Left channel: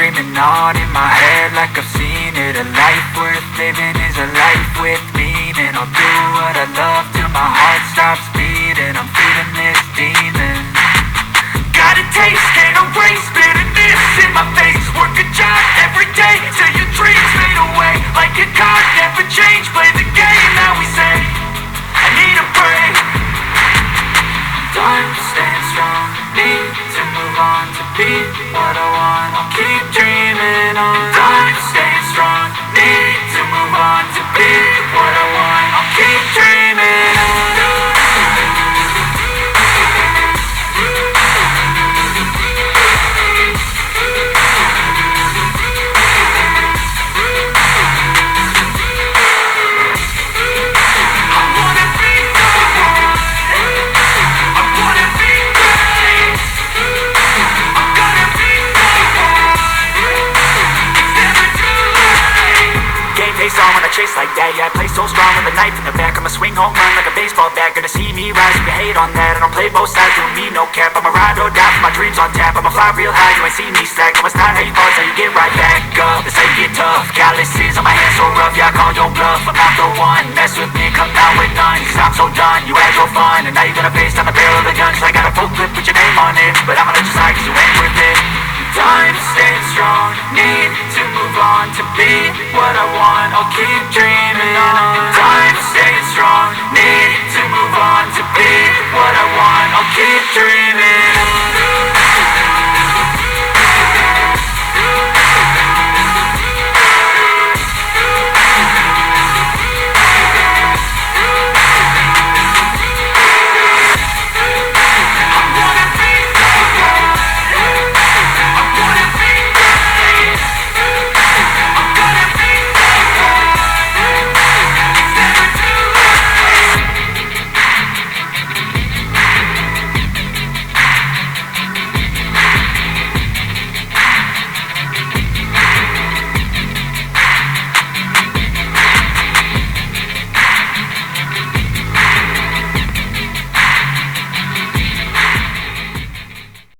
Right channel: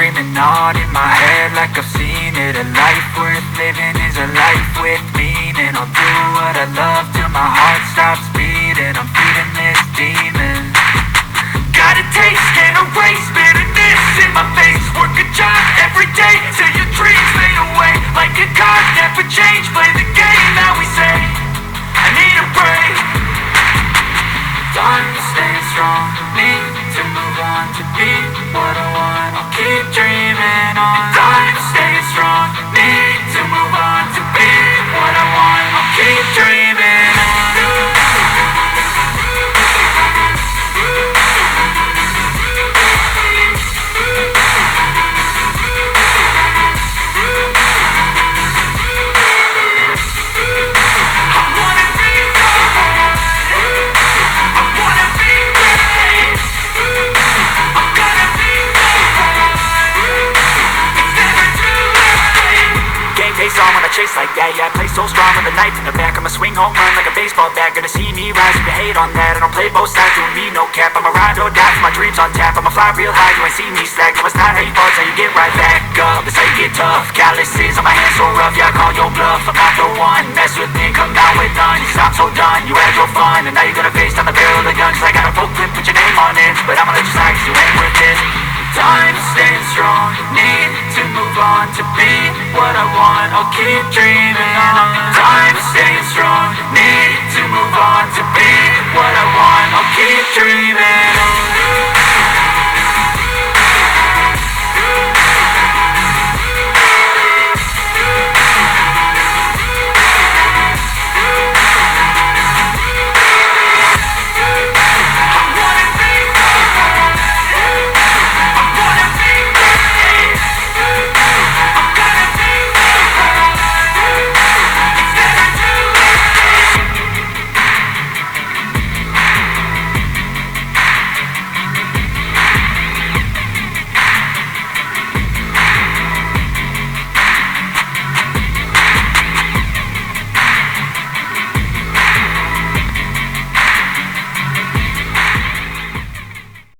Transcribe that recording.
dreaming on in my head like I've seen it. A life worth living is a life with meaning. I'll do what I love till my heart stops beating. I'm feeding this demon. Got a taste, can't erase bitterness in my face. Work a job every day till your dreams fade away. Like a card, never change, play the game that we say. I need a break. I'm staying strong, need to move on to be what I want. I'll keep dreaming on. I'm staying strong, need to move on to be what I want. I'll keep dreaming on. Face on when I chase like that, yeah, I play so strong with a knife in the back. I'ma swing home run like a baseball bat. Gonna see me rise if you hate on that. I don't play both sides, doing me no cap. I'ma ride or die for my dreams on tap. I'ma fly real high, you ain't see me slack. No, it's not how you fall, it's how you get right back up. That's how you get tough. Calluses on my hands so rough, yeah, I call your bluff. I'm not the one, mess with me, come out with none. Cause I'm so done, you had your fun. And now you're gonna face down the barrel of the gun. Cause I got a full clip with your name on it. But I'ma let you slide cause you ain't worth it. I'm staying strong, need to move on to be what I want. I'll keep dreaming on. I'm staying strong, need to move on to be what I want. I'll keep dreaming on.